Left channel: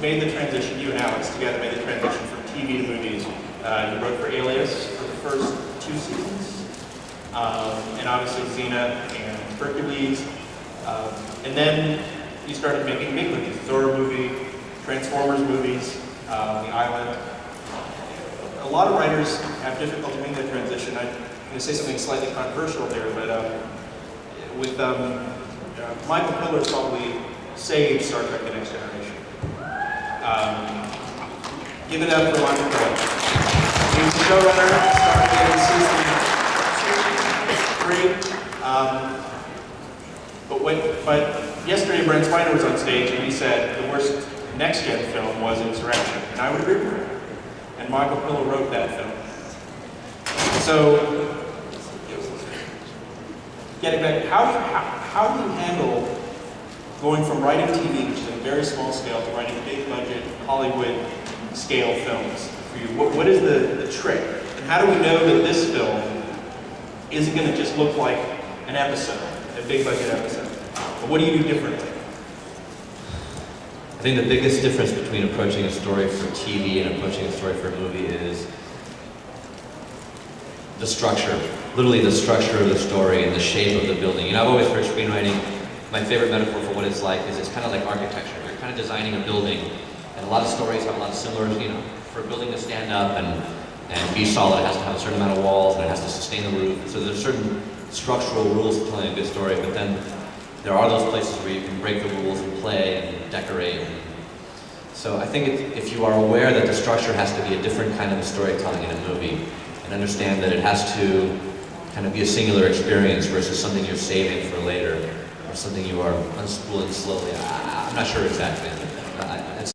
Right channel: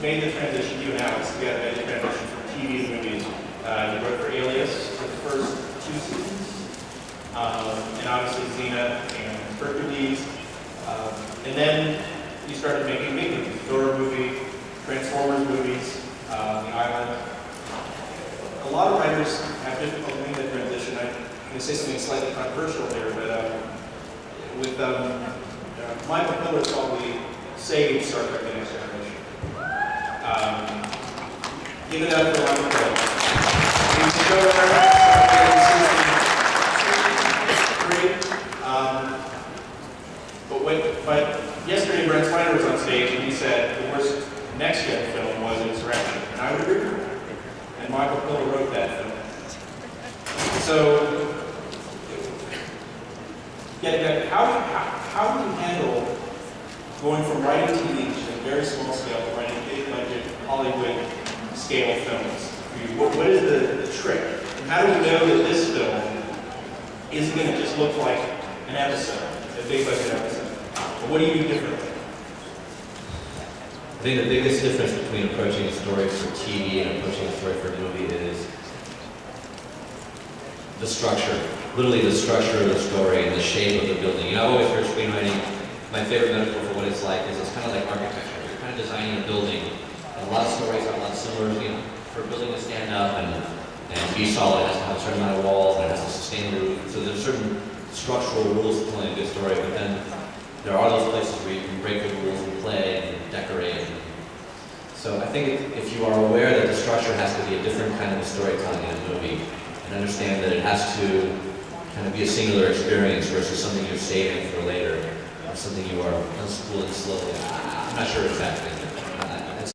made the transition, you and Alex together made the transition from TV to movies. You wrote for Alias for the first 2 seasons, and obviously Xena and Hercules. And then you started making big movies, Thor movie, Transformers movies, The Island. A lot of writers have difficulty making that transition. I'm going to say something slightly controversial here, but with Michael Piller probably saved Star Trek The Next Generation. Give it up for Michael Piller. He was the showrunner, started in season 3. But yesterday Brent Spiner was on stage and he said the worst Next Gen film was Insurrection, and I would agree with him. And Michael Piller wrote that film. So, getting back, how do you handle going from writing TV, which is a very small scale, to writing big budget, Hollywood scale films for you? What is the trick? And how do we know that this film isn't going to just look like an episode, a big budget episode? But what do you do differently? I think the biggest difference between approaching a story for TV and approaching a story for a movie is the structure. Literally the structure of the story and the shape of the building. You know, I've always heard screenwriting, my favorite metaphor for what it's like is it's kind of like architecture. You're kind of designing a building, and a lot of stories have a lot of similar, you know, for a building to stand up and be solid, it has to have a certain amount of walls, and it has to sustain the roof. So there's certain structural rules to telling a good story, but then there are those places where you can break the rules and play and decorate. So I think if you are aware that the structure has to be a different kind of storytelling in a movie, and understand that it has to kind of be a singular experience versus something you're saving for later, or something you are unspooling slowly. I'm not sure exactly.